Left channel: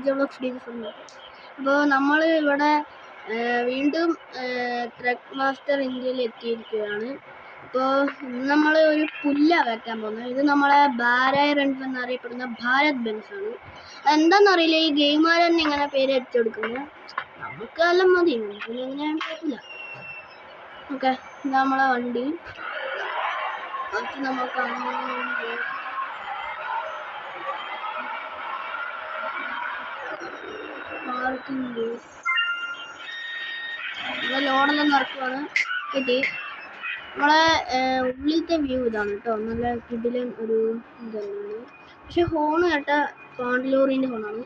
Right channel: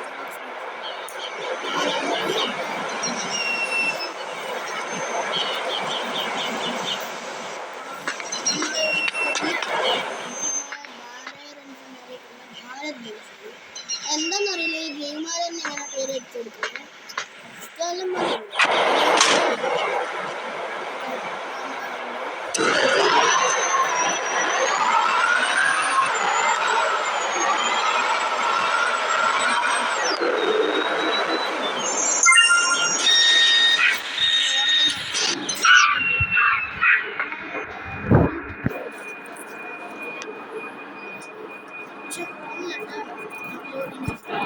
അപ്പോൾ നമ്മൾ ഇവിടെ വീണ്ടും ട്രക്ക് മാസ്റ്റർ ഇന്ത്യയിൽ എത്തിയിരിക്കുകയാണ്. അപ്പോൾ നമ്മൾ ഒരു പുല്ല വെക്കാൻ പോകുന്നത്. ഇത് നമ്മളെ ഭാരത് റൺസ് എന്നറിയപ്പെടുന്ന ഭാരത് ബെൻസ് ആണ്. എന്താണെന്നറിയില്ല, ഈ ഗെയിമുകാർ തന്നെ ഇങ്ങനെ പേര് വെച്ചെടുക്കുന്നത്. നമുക്കെല്ലാം മതി. ഓക്കെ, ഇത് നമ്മളെ വണ്ടി. ലോണെല്ലാം നിറക്കാണ്. ഓക്കെ, നമ്മളെ ഉള്ളിലത്തെ വ്യൂ ഇതാണ് കേട്ടോ. നല്ല ഫുഡിലെ ഒരു ഇതാണ്. പക്ഷെ ഹോണ് കേട്ട പാണ്ടലൂറിൻ്റെ ഹോണാണ്.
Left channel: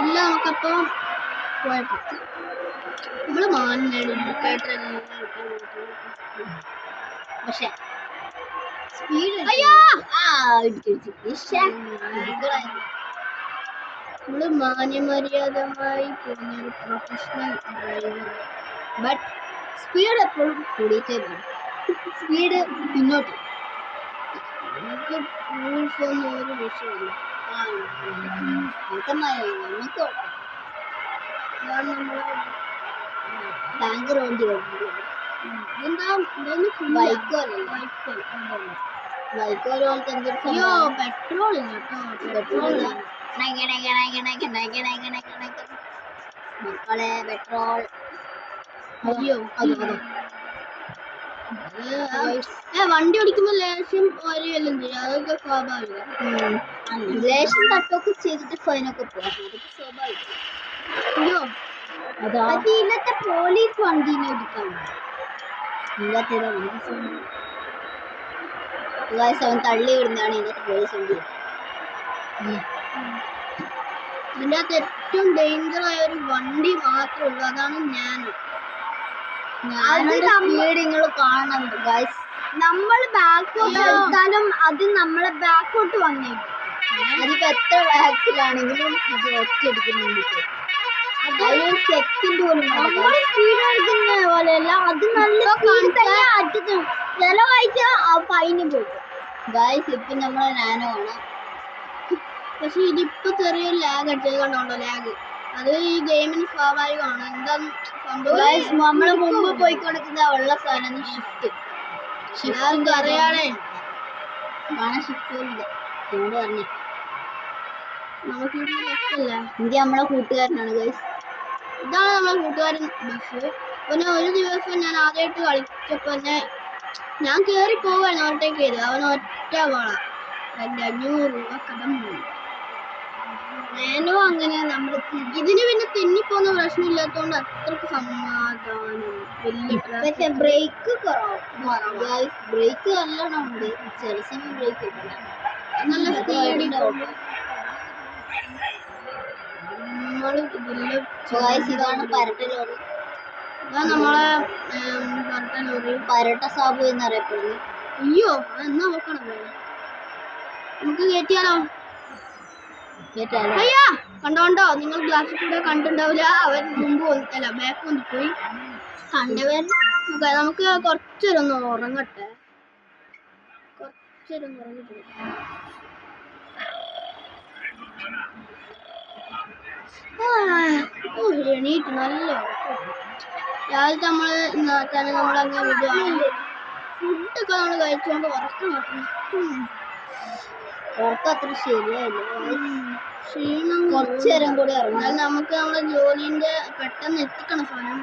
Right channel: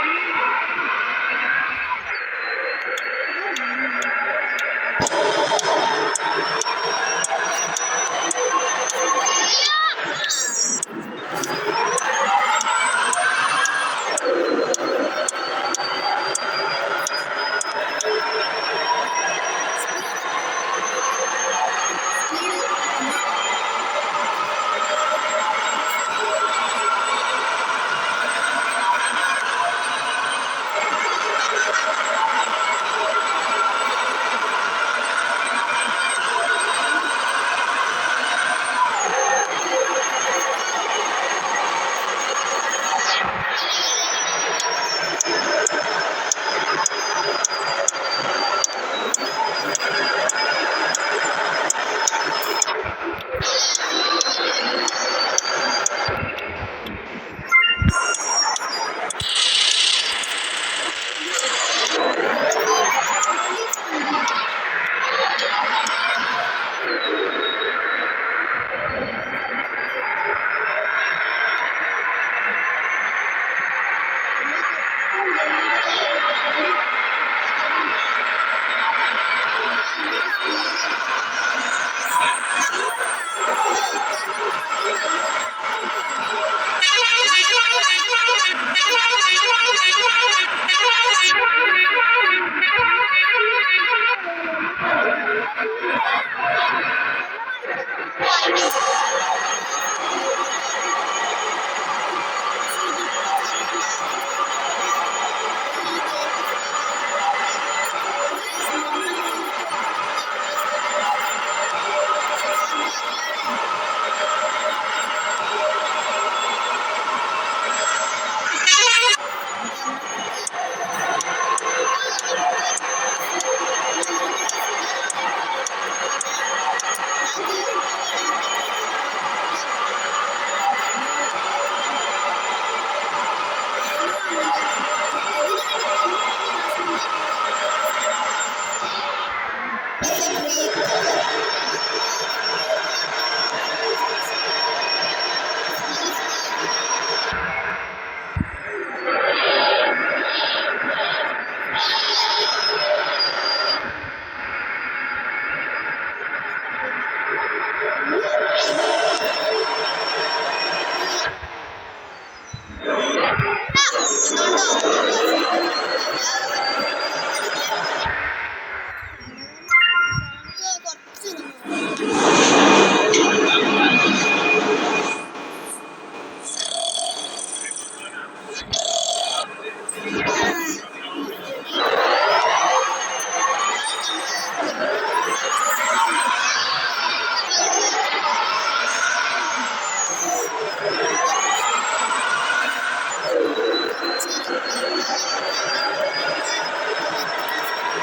എല്ലാം നമുക്കപ്പോൾ നമ്മൾ മാനാണ് ബട്ട് സ്പീഡ് എപ്പോഴും കൂടിയിട്ടേ സ്പീഡ് മുന്നോട്ട് ഭയങ്കര വണ്ടി വണ്ടി ഓടിക്കുമ്പോൾ ലേശം തപ്പൊക്കെ ചെയ്തിട്ട് പോലീസ് വണ്ടി അവൻ തള്ളി വിടുന്നതാണ് ഇതിനകത്ത് ഏറ്റവും ഡേഞ്ചറായ ഒരു വണ്ടി മാത്രമുള്ളൂ, അതാണ് ഞാൻ. നിങ്ങൾ കാണണം ഗൈസ്, നമ്മൾ ബാക്കോട്ട് എടുത്താലും അത് നമ്മളെ ബാക്കോട്ട് വന്നു. നമുക്ക് എത്ര വേഗത്തിലാണെങ്കിലും അടിക്കുന്ന പോലെയല്ല, അത് നല്ല ചിലവാഴ്ച ഫൈന് ഗൈസ്. ഇപ്പം നമ്മൾ ഞാനാണ്, പക്ഷെ ഇതിപ്പോൾ ചെറിയൊരു ലാഗ് അടിച്ചതുകൊണ്ടാണ് ലാഗ്. അത് ഈ ഗെയിമിൽ സ്വാഭാവികമാണ്. ഗൈസ് നമ്മൾ മുമ്പ് പോയി കൊടുക്കുന്ന ഉള്ള സാധനം അറിയാണേ. ഇത് നമ്മളെ കൂട്ടുകാരനാണ് ഗൈസ്, ഇതാണ് നമ്മളെ കൂട്ടുകാരൻ. പിന്നെ ഒരു ദിവസം ഞാൻ ആദ്യമായിട്ട് കളിച്ചപ്പോൾ തന്നെ ഞാൻ കയറി പോവുകയാണ് ഓവർടേക്ക് ചെയ്ത്. അവൻ ഒറ്റ പോകണം വേനോ അങ്ങനെ. നമുക്ക് ഇതിന് പിന്നെ തെന്നിപ്പോകുന്ന പ്രശ്നമില്ലാത്തതുകൊണ്ട് അത്രയ്ക്ക് പക്ഷെ ബ്രേക്ക് നല്ല സ്പീഡിലാവും. നമ്മളെ പരട്ട സാബു എന്നറിയപ്പെടുന്നു. അയ്യോ നമുക്ക് കയറ്റിയാലോ? അയ്യാ കണ്ടോണ്ടോ, നിങ്ങൾ ക്ലാസ്സിൽ കണ്ടിട്ടുണ്ടാവില്ല. അവർ മുമ്പ് കൊടുത്തല്ല ബ്ലാക്ക് പോയി കണ്ടവർ. നമുക്ക് കുറച്ചൊരൊന്ന് ഓർമ്മ രാവിലത്തെ നമ്മൾ ഫുഡൊക്കെ നമ്മൾ കഴിക്കുമ്പോൾ അത്ര ശരിയായിരുന്നു. കുറച്ച് നേരം കൂടി അറിയാം നമുക്ക് നമ്മുടെ ജോലിൻ്റെ പെട്ടെന്ന് എത്തിക്കണം.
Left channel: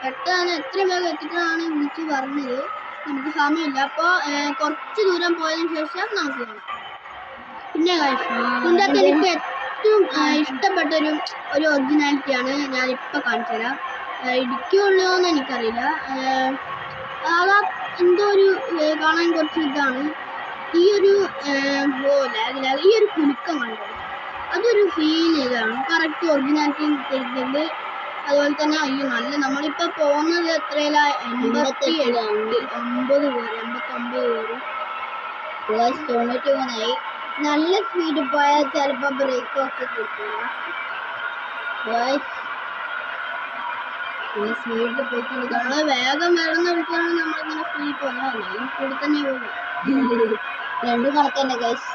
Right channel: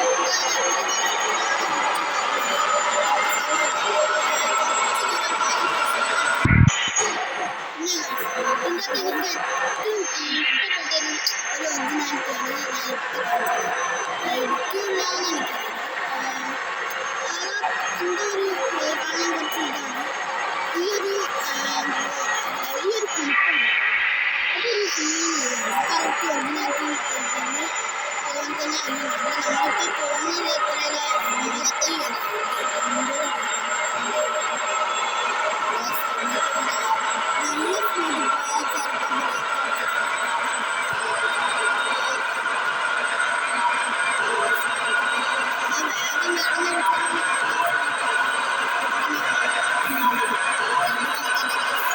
പെട്ടെന്ന് എത്രയും വേഗം എത്തിക്കണമെന്നാണ് എനിക്ക് പറഞ്ഞത്. എനിക്ക് സമയമില്ല. അപ്പോൾ കുറച്ച് ദൂരം പോയതിന് ശേഷം നമുക്ക് പിന്നെ ഇതിൻ്റെയൊക്കെ എനിക്ക് ഏറ്റവും ഇഷ്ടപ്പെട്ടൊരു ഒറിജിനാലിറ്റിയാണ് ഞാനിപ്പോൾ കാണിച്ചത്. ഇടിക്കുള്ളൂ എന്ന് എനിക്കറിയില്ല. അതാ എന്തോ ഒരു കാണാൻ കുറച്ച് ഇതാണ്. ഈ ഒരു ഈ ഒരു കുലുക്കമാണ്, അതൊരു സീൻ ഇതാണ് കറക്റ്റ് ഒറിജിനാലിറ്റി ചെയ്തത്. അതുപോലെ തന്നെ അയ്യോ നല്ല നമ്മളിപ്പോൾ പോകുന്നത് എത്രയില്ല 87 80 പേര് നല്ല സ്പീഡിൽ പോയാൽ ചിലപ്പോൾ ബ്രേക്ക് ഒക്കെ കിട്ടും. നമ്മള് വേഗം വേണമെന്ന് വിളിച്ചാൽ രണ്ട് കണക്കന്നെ ഗൈസ്.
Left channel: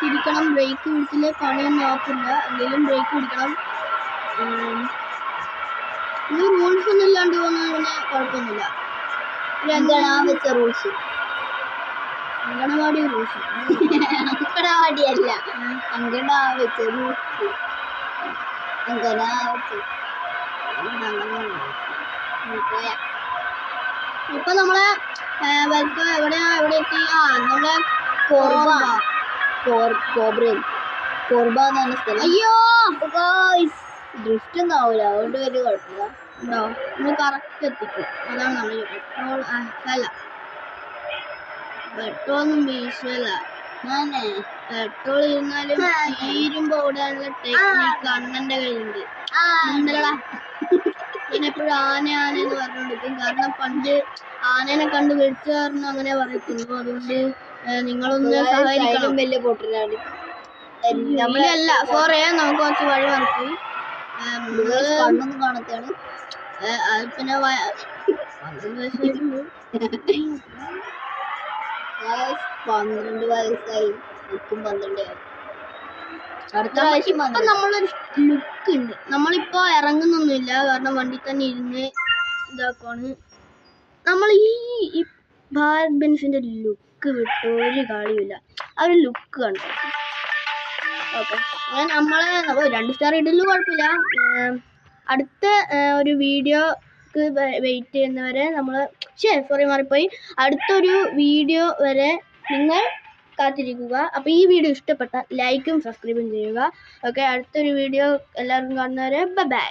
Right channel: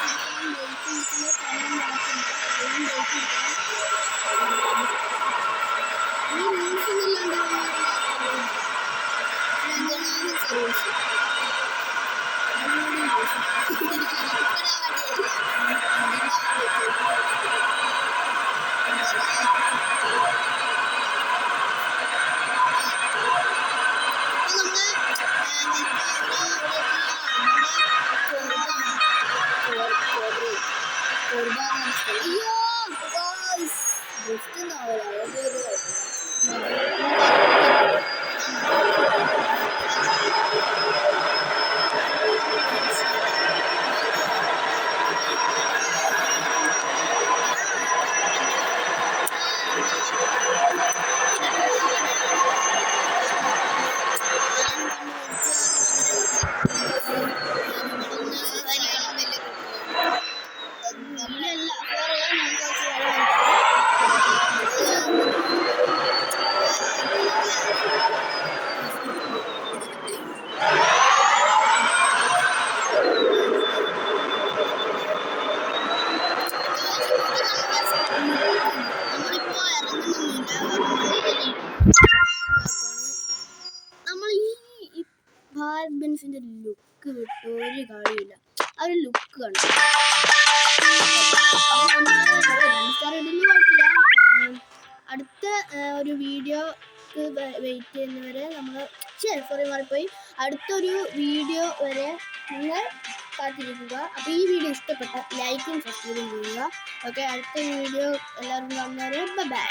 തിരിക്കണം. ബ്രേക്ക് പിടിച്ചില്ല, കളിയൊന്നും നോക്കില്ല. എന്തെങ്കിലും ബ്രേക്ക് പിടിക്കണം. ഈ റൂൾസ് ഒന്നും ഇല്ലാണ്ട് പോകുന്നതിന് കുഴപ്പമൊന്നുമില്ല. എന്താണ് വെച്ച റൂൾസ്? അംഗനവാടി റൂൾസ്. അംഗനവാടിയല്ല, വെച്ച റൂൾസ്. ഇപ്പൊ നമ്മളെ എവിടെയാ എവിടെ എത്തി? നമ്മുടെ അയ്യോ ഡ്രിഫ്റ്റ് ഒന്നും ആവൂല, അതുകൊണ്ട് വലിയ കുഴപ്പമില്ല. പെട്രോളൊന്നും മേടിച്ചല്ല. പെട്രോൾ ഇരുന്നാലും തീരുമ്പോ കണ്ണന്റെ കയ്യിലുണ്ട്. എപ്പോഴും ആനയാണെന്ന് പറഞ്ഞിരിക്കും. കാരണം പണ്ട് ആനേനെ കണ്ട് വെച്ച് കാരണം അങ്ങനെ പറഞ്ഞിട്ടുള്ളൂ. അതുകൊണ്ട് നിങ്ങളൊന്ന് സഹകരിക്കണം. വലിയ പൊട്ടിലാണ്. നമ്മളല്ല പോറേ നമുക്ക് കുറച്ച് വഴി നടക്കും. അടുത്ത പ്രാവശ്യം നമ്മളൊരു ലുക്ക് ഉണ്ട്. നമ്മളിപ്പോ ഇറങ്ങുന്നൊന്നുമില്ല, കാരണം വണ്ടി തന്നെ ഇരുന്ന് ഇതാക്കാണ്. നമ്മൾ ഈ ഭാരത് ബെൻസിന്റെ ലുക്ക് വിട്ട് ഒരു കാര്യമില്ല. ആ ഒരു ലുക്ക് കണ്ടു. നമ്മള് 2 സ്റ്റാർ ഇടലും കുഴപ്പമില്ല. അടുത്ത ഒരു വീഡിയോക്ക് വെയിറ്റ് ചെയ്യുന്നവരെ മാറിപ്പോയി. അടുത്തൊരു വീഡിയോ വരെ നിങ്ങൾ കാത്തിരിക്കുക. അപ്പോൾ ഈ വീഡിയോ ഇഷ്ടപ്പെട്ട ലൈക്കും സബ്സ്ക്രൈബും ചെയ്യുക. ഓക്കെ, അടുത്തൊരു വീഡിയോ എല്ലാവരും കാണുന്നവരെ ബൈ.